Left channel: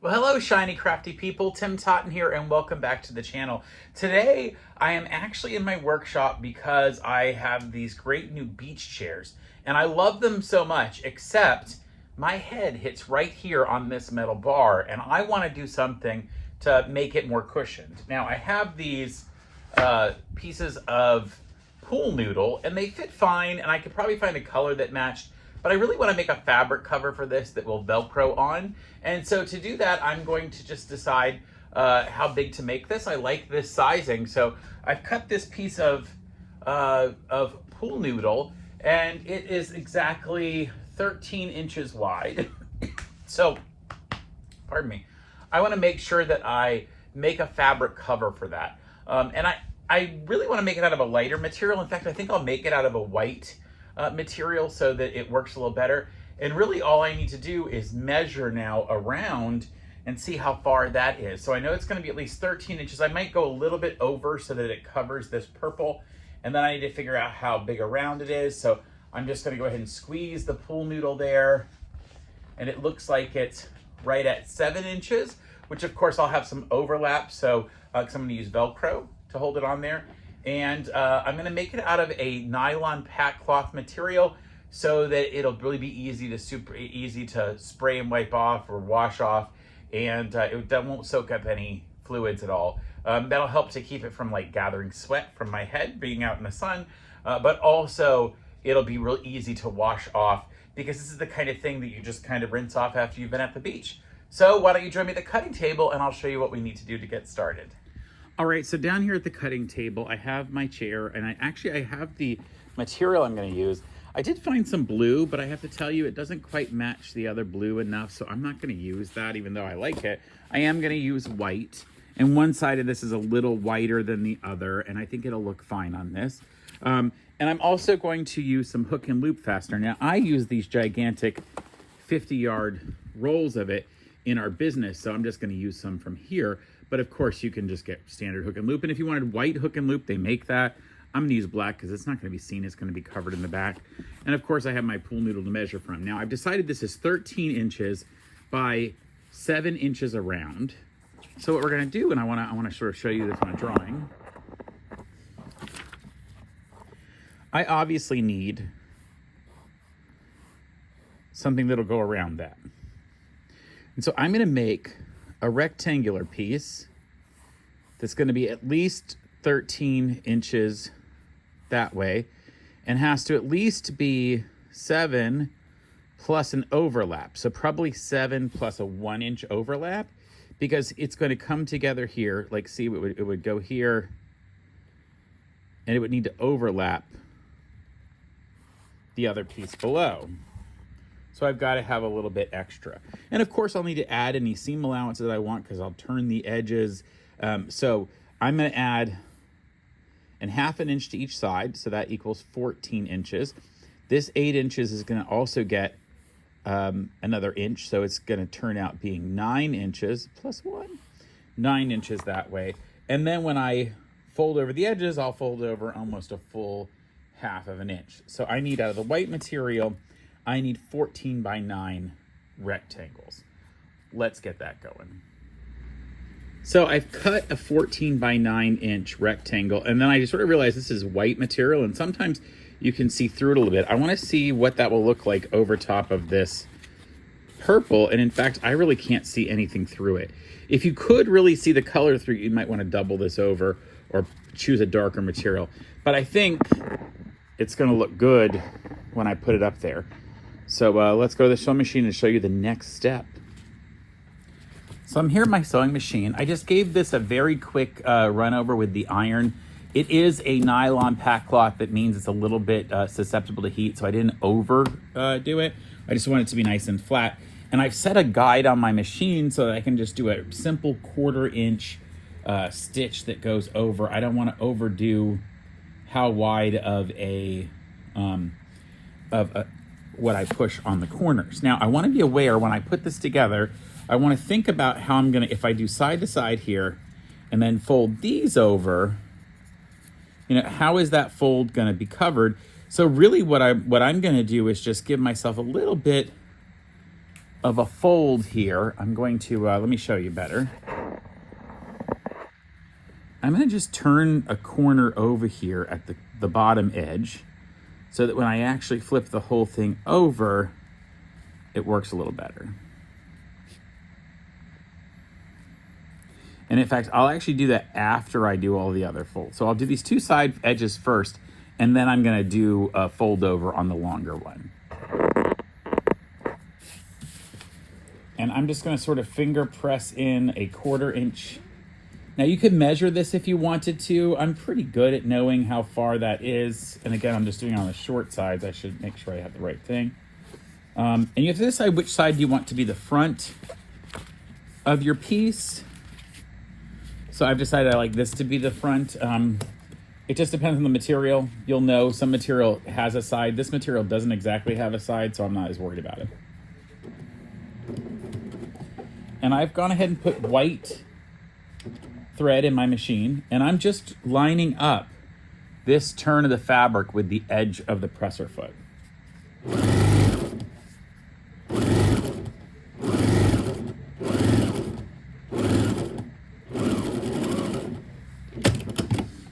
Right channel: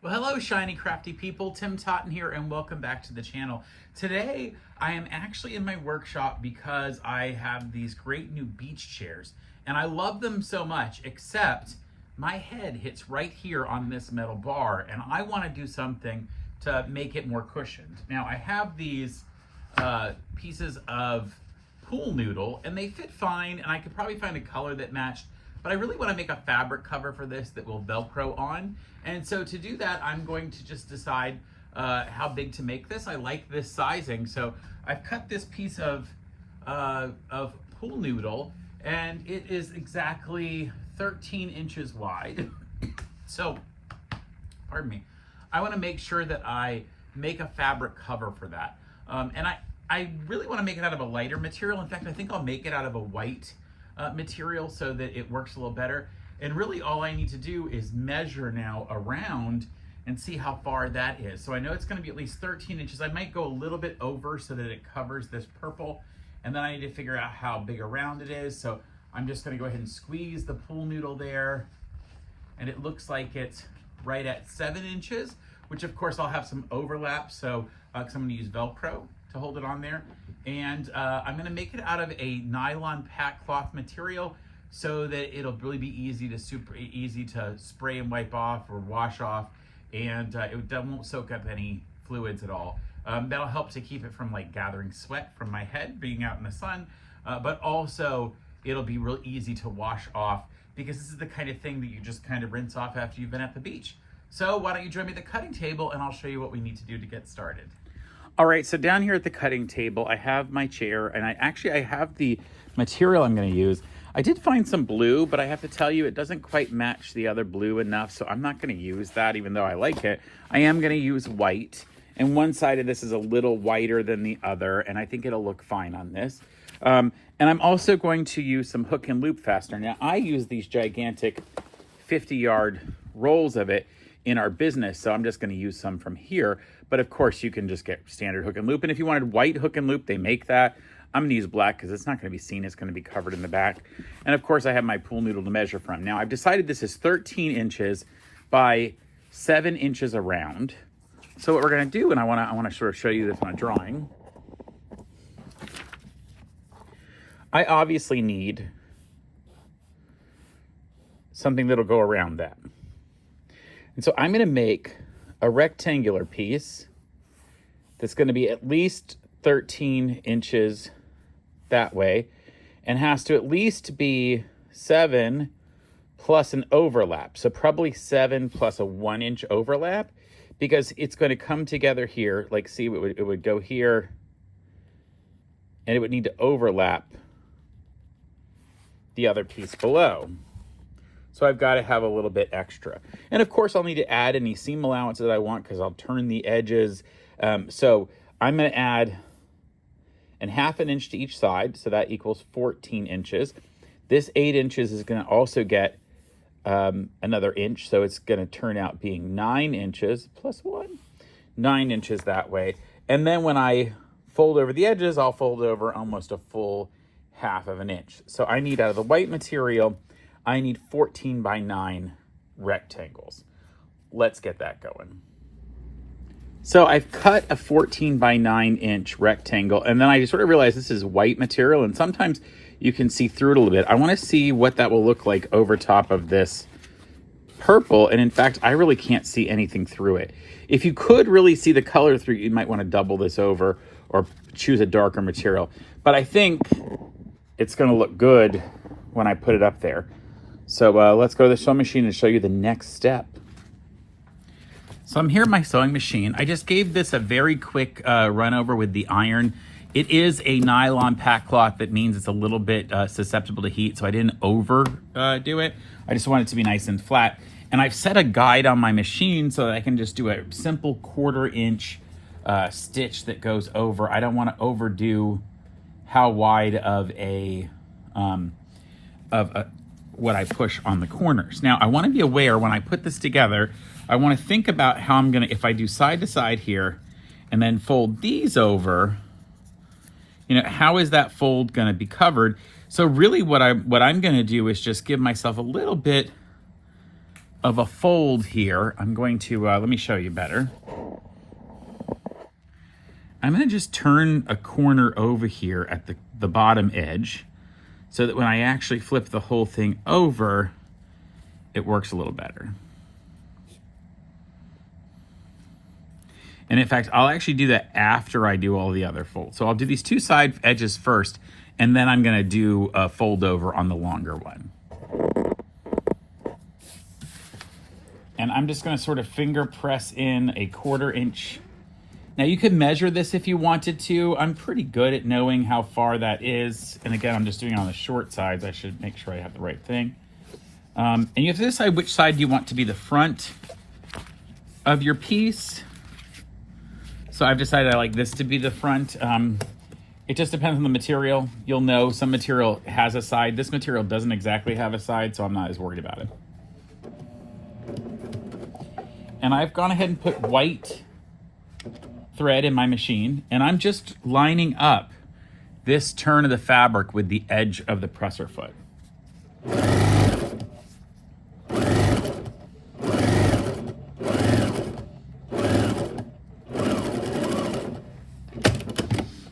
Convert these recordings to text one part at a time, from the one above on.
Well, hello, Shiny Crafty People. Tim Totten here, and welcome back to the channel. Today, I am actually in my workshop because I have these great new beach chairs, and I love them so much, except my head hits right here on this metal bar, and I want to do something to make it more cushioned. Now, I have these pieces of pool noodle, and they fit fine, and I could probably find a color that matched, but I really want to make a fabric cover for this that will Velcro on. And so to do that, I'm going to just decide how big to make this. I like this sizing, so I've cut this piece of pool noodle, and it is exactly 13 inches wide. So, pardon me. I want to make sure that I make a fabric cover for that. And I really want to make it out of a lighter material. In fact, I think I'll make it out of a white material so that it works a little better. And really all I need to do is measure now around and see how far that is. So I know it's going to be at least 13 inches. I might go a little bit over so that it covers this purple. And then I need to figure out how big around it is. So I'm just going to go ahead and squeeze the pool noodle there. And it looks like it's right at 7 inches, which of course I'll have some overlap. So because I'm going to use Velcro to hold it on there. And I'm going to make it out of a nylon pack cloth material so that it'll really be easy to spray and wipe off or wash off, and that won't soak up any fluids at all. That'll help to keep it from like gathering sweat from my head being out in the sun, but also it'll be real easy to wash off because this is the kind of thing that you just kind of rinse off after you've been at the beach. So why don't you join me at the cutting table and I'll show you what we need to do to get started. All right, so down here at the cutting table, I have my chair, and I have the material I'm going to use. I did find some blue, but I have to tell you, it doesn't quite match the other blue enough, so I'm not going to use that, even though I like it. I am going to use white, and one side of this is a little whiter than the other, and I think it'll look fine on this. And I'm also going to use some hook and loop fastener. Now, I use these gigantic 50-yard rolls of it in our business, so I'm just going to use some from here. But of course, you can just get standard hook and loop, and if you wanted white hook and loop, they make that. I'm going to use black because it's not going to be seen. It's going to be covered in the back. And of course, I have my pool noodle to measure from. Now, I've decided this is 13 inches by 7 inches around. So what we're going to do, and I want to sort of show you this on a drawing. I obviously need something that'll go around that. And so I'm going to make a rectangular piece that's going to be at least 13 inches that way and has to at least be 7 plus an overlap. So probably 7 plus a 1 inch overlap, because it's going to come together here. Like, see, it would go here and it would need to overlap the other piece below. So I've got to have a little bit extra. And of course I'll need to add any seam allowance that I want because I'll turn the edges. So I'm going to add ½ an inch to each side, so that equals 14 inches. This 8 inches is going to also get another inch, so it's going to turn out being 9 inches plus 1. 9 inches that way. And then when I fold over the edges, I'll fold over almost a full ½ an inch. So I need, out of the white material, I need 14 by 9 rectangles. Let's get that going. So I've cut a 14 by 9 inch rectangle, and then I just sort of realized this is white material, and sometimes you can see through it a little bit. I want to see what that will look like over top of this purple, and in fact, I really can't see anything through it. If you could really see the color through, you might want to double this over or choose a darker material. But I think it's going to look good when I put it up there. So let's go to the sewing machine and show you the next step. So I'm here at my sewing machine. I just gave this a very quick run over with the iron. It is a nylon pack cloth. That means it's a little bit susceptible to heat, so I didn't overdo it. I just want it to be nice and flat. And I've set a guide on my machine so that I can just do a simple 1/4 inch stitch that goes over. I don't want to overdo how wide of what I push on the corners. Now, I want to be aware when I put this together, I want to think about how I'm going to, if I do side to side here and then fold these over, you know, how is that fold going to be covered? So really what I'm going to do is just give myself a little bit of a fold here, I'm going to, let me show you better. I'm going to just turn a corner over here at the bottom edge so that when I actually flip the whole thing over, it works a little better. And in fact, I'll actually do that after I do all the other folds. So I'll do these two side edges first, and then I'm going to do a fold over on the longer one. And I'm just going to sort of finger press in a 1/4 inch. Now you could measure this if you wanted to. I'm pretty good at knowing how far that is. And again, I'm just doing it on the short sides. I should make sure I have the right thing. And you have to decide which side you want to be the front of your piece. So I've decided I like this to be the front. It just depends on the material. You'll know some material has a side. This material doesn't exactly have a side, so I'm not as worried about it. And I've gone ahead and put white thread in my machine, and I'm just lining up this turn of the fabric with the edge of the presser foot.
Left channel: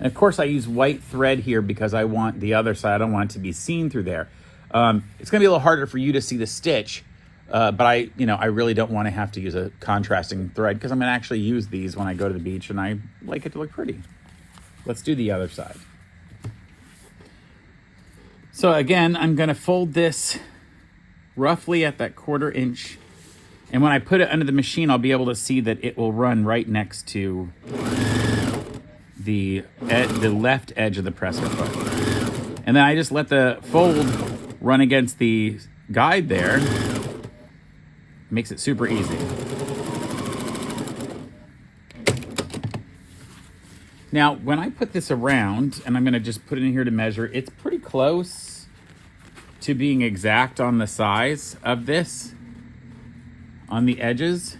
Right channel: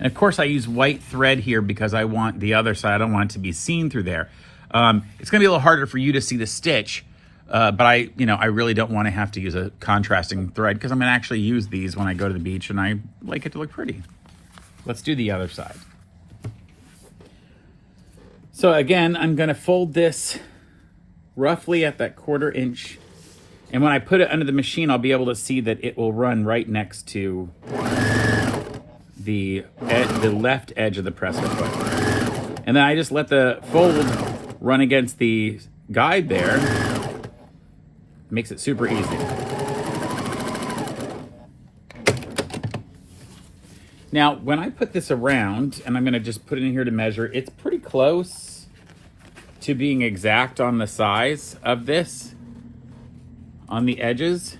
And of course I use white thread here because I want the other side, I don't want it to be seen through there. It's gonna be a little harder for you to see the stitch, but I really don't want to have to use a contrasting thread because I'm gonna actually use these when I go to the beach and I like it to look pretty. Let's do the other side. So again, I'm gonna fold this roughly at that 1/4 inch. And when I put it under the machine, I'll be able to see that it will run right next to the left edge of the presser foot. And then I just let the fold run against the guide there. Makes it super easy. Now, when I put this around, and I'm gonna just put it in here to measure, it's pretty close to being exact on the size of this on the edges.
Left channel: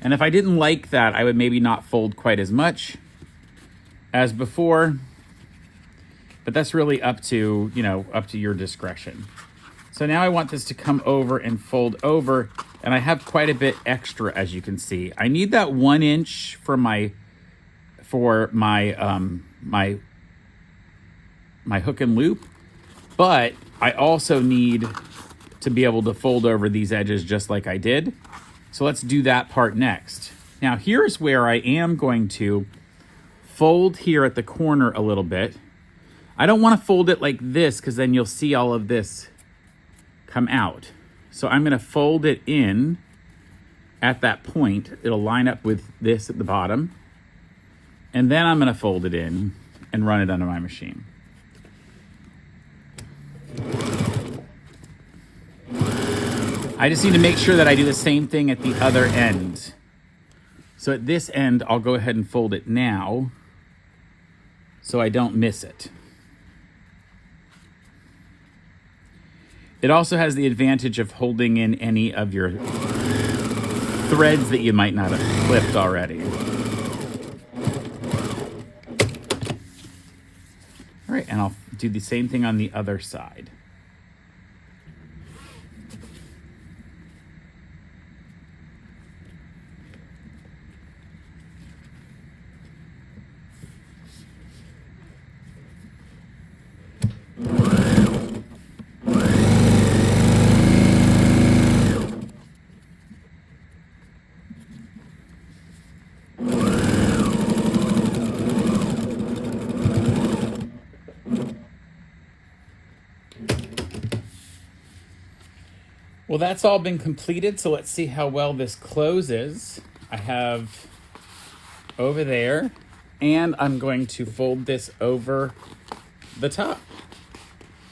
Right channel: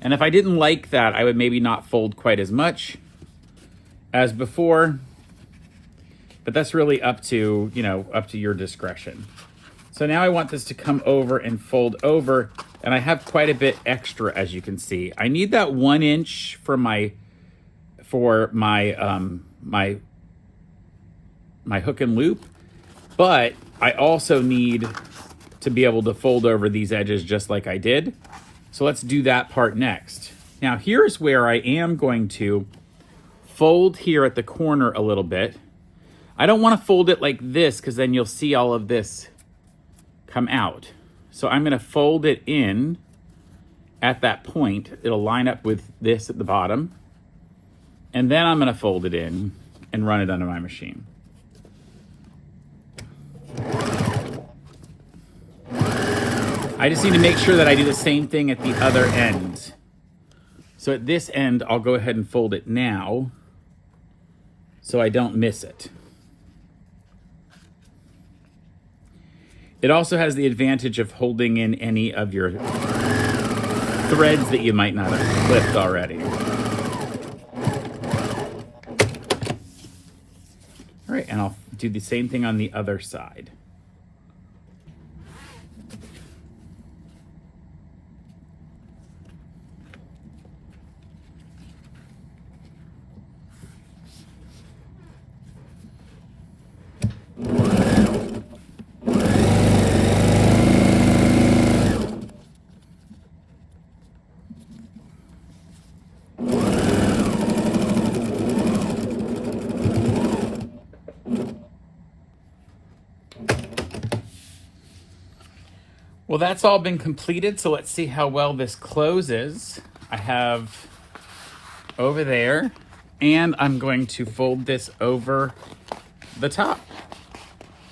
And if I didn't like that, I would maybe not fold quite as much as before, but that's really up to your discretion. So now I want this to come over and fold over, and I have quite a bit extra, as you can see. I need that 1 inch for my hook and loop, but I also need to be able to fold over these edges just like I did. So let's do that part next. Now here's where I am going to fold here at the corner a little bit. I don't want to fold it like this because then you'll see all of this come out. So I'm going to fold it in at that point. It'll line up with this at the bottom. And then I'm going to fold it in and run it under my machine. I just need to make sure that I do the same thing at the other end. So at this end, I'll go ahead and fold it now so I don't miss it. It also has the advantage of holding in any of your threads that you might not have clipped already. All right, and I'll do the same thing on the other side. Well, that's all been completed, so let's see how well this closes. I have over there, and I'm going to fold this over the top.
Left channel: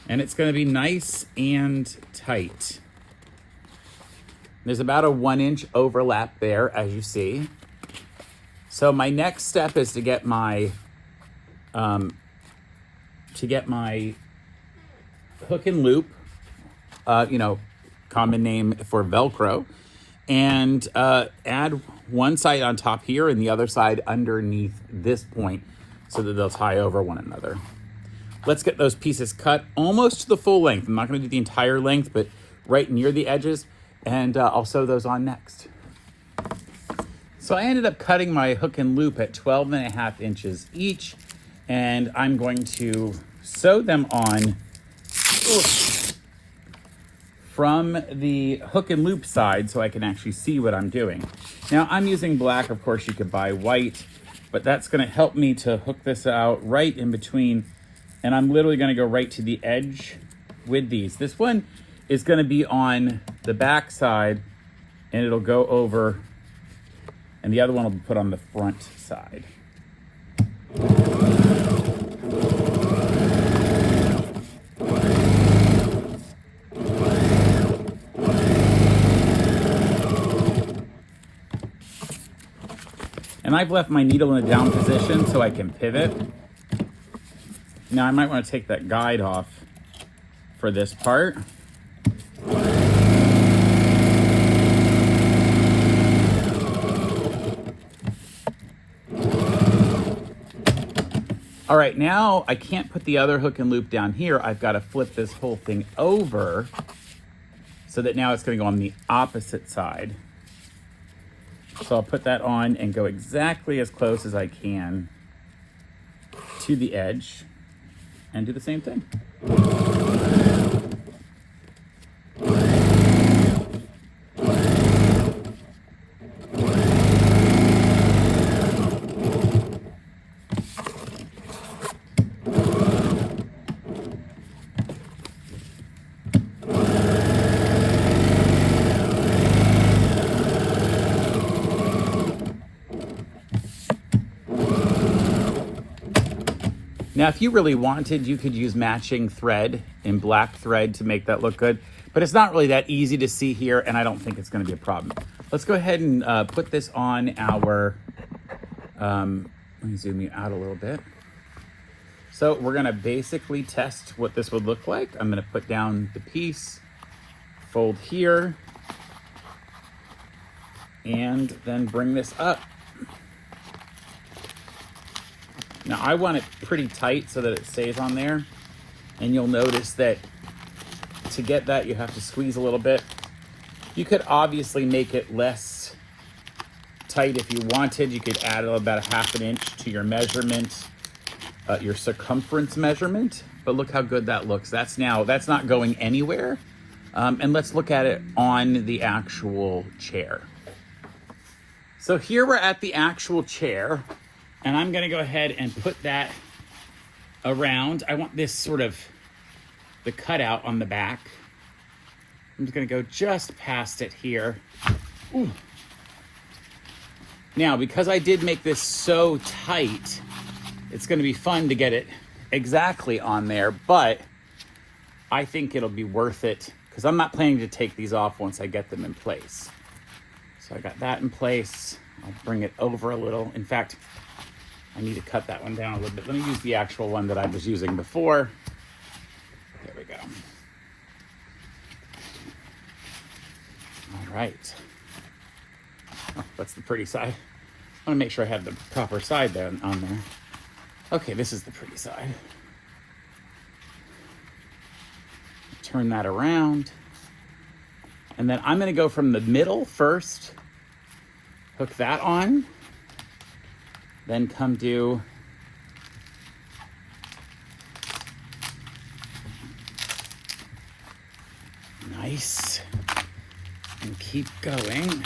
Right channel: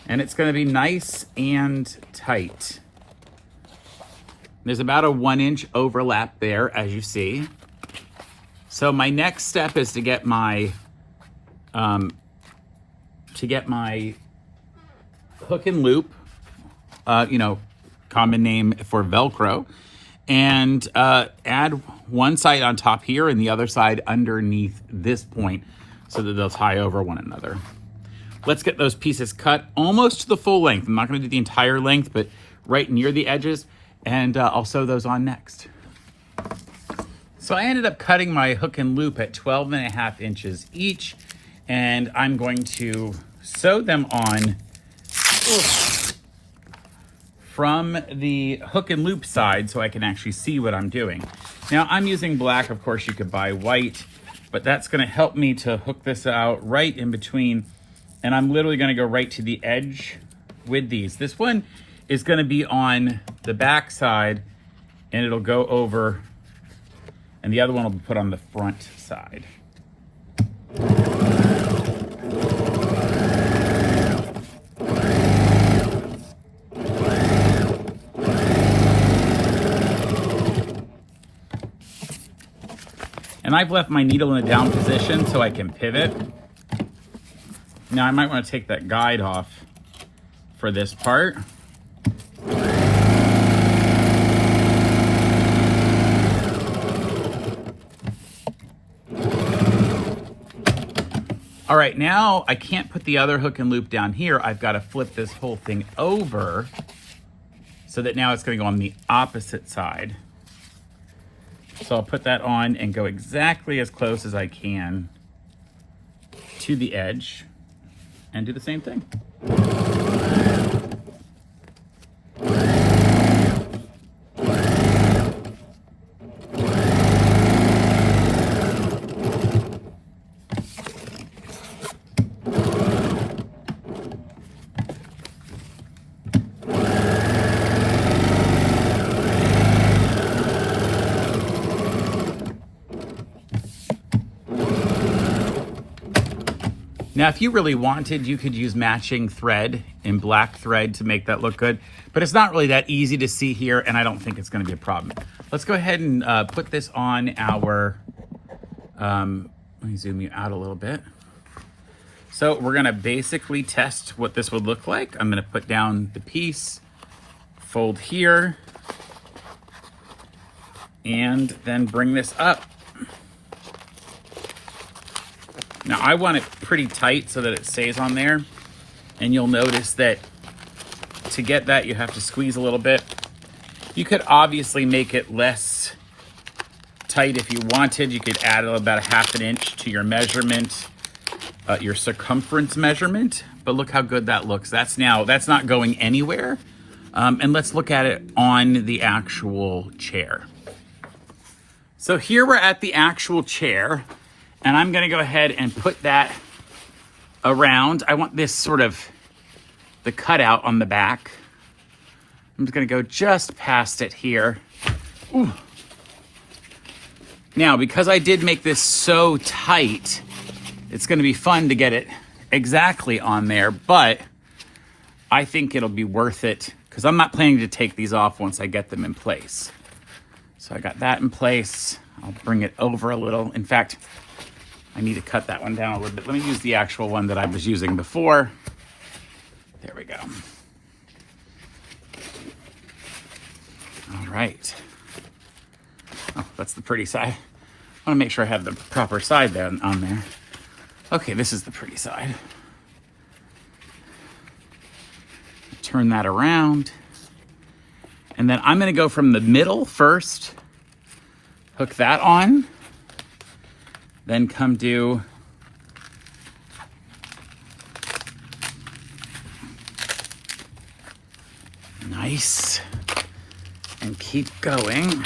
And it's gonna be nice and tight. There's about a 1 inch overlap there, as you see. So my next step is to get my hook and loop, common name for Velcro, and add one side on top here and the other side underneath this point so that they'll tie over one another. Let's get those pieces cut almost to the full length. I'm not going to do the entire length, but right near the edges. and I'll sew those on next. So I ended up cutting my hook and loop at 12.5 inches each, and I'm going to sew them on from the hook and loop side so I can actually see what I'm doing. Now I'm using black, of course you could buy white, but that's gonna help me to hook this out right in between, and I'm literally gonna go right to the edge with these. This one is gonna be on the back side and it'll go over, and the other one will be put on the front side. And I've left my needle in a down position so I can pivot. Now I might want to take that guide off for this part. All right, now I can't put the other hook and loop down here. I've got to flip this whole thing over so that now it's going to go on the opposite side. So I'll put that on and go exactly as close as I can to the edge and do the same thing. Now, if you really wanted, you could use matching thread in black thread to make that look good, but it's not really that easy to see here, and I don't think it's gonna be a problem. Let's go ahead and put this on our, let me zoom you out a little bit. So we're gonna basically test what this would look like. I'm gonna put down the piece, fold here, and then bring this up. Now I want it pretty tight so that it stays on there, and you'll notice that to get that you have to squeeze a little bit. You could obviously make it less tight if you wanted. You could add about 1/2 inch to your measurement, your circumference measurement, but look how good that looks. That's not going anywhere. And let's look at it on the actual chair. So here we're at the actual chair. And I'm gonna go ahead and put that around. I want this sort of, the cutout on the back. I'm just gonna go just past it here. Ooh. Now, because I did make this so tight, it's gonna be fun to get it exactly on there, but I think it'll be worth it because I'm not planning to take these off once I get them in place. So I got that in place. I'll bring it over a little. In fact, I need to cut that one down a little bit. Let me use the actual one that I was using before. There we go. All right. Oh, that's the pretty side. I want to make sure I have the proper side there on there. Okay, this is the pretty side. Turn that around. And then I'm going to go from the middle first. Hook that on. Then come do nice and keep going.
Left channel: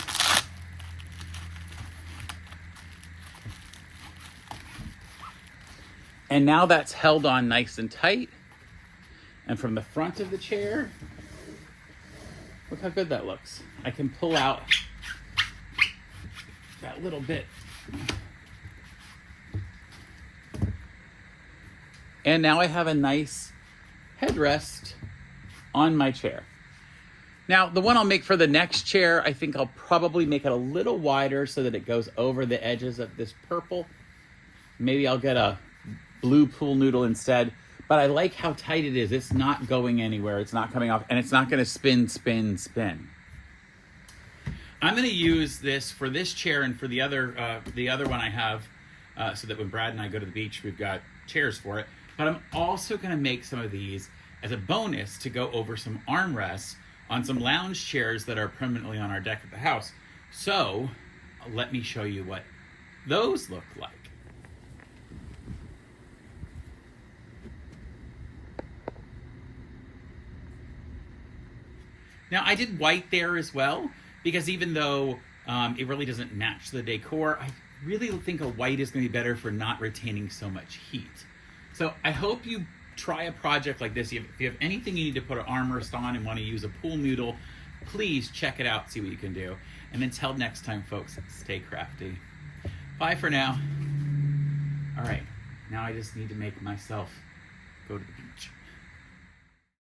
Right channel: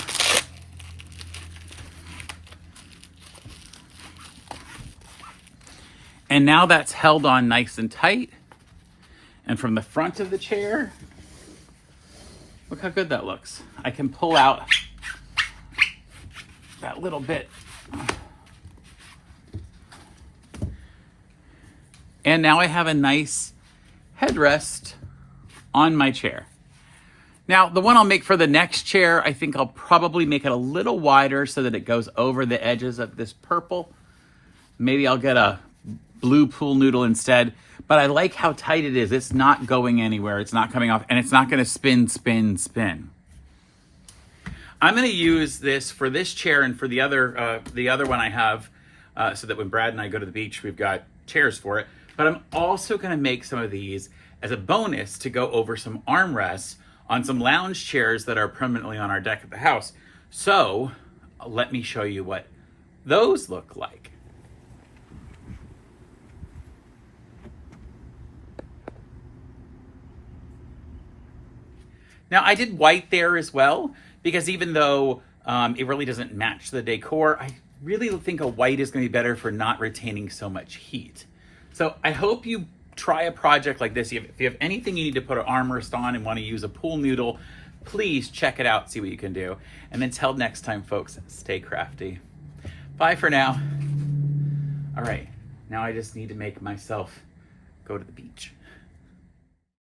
And now that's held on nice and tight. And from the front of the chair, look how good that looks. I can pull out that little bit. And now I have a nice headrest on my chair. Now, the one I'll make for the next chair, I think I'll probably make it a little wider so that it goes over the edges of this purple. Maybe I'll get a blue pool noodle instead, but I like how tight it is. It's not going anywhere. It's not coming off, and it's not gonna spin, spin, spin. I'm gonna use this for this chair and for the other one I have, so that when Brad and I go to the beach, we've got chairs for it. But I'm also gonna make some of these as a bonus to go over some armrests on some lounge chairs that are permanently on our deck at the house. So let me show you what those look like. Now I did white there as well, because even though it really doesn't match the decor, I really think a white is going to be better for not retaining so much heat. So I hope you try a project like this. If you have anything you need to put an armrest on and want to use a pool noodle, please check it out, see what you can do. And until next time, folks, stay crafty. Bye for now. All right, now I just need to make myself go to the beach.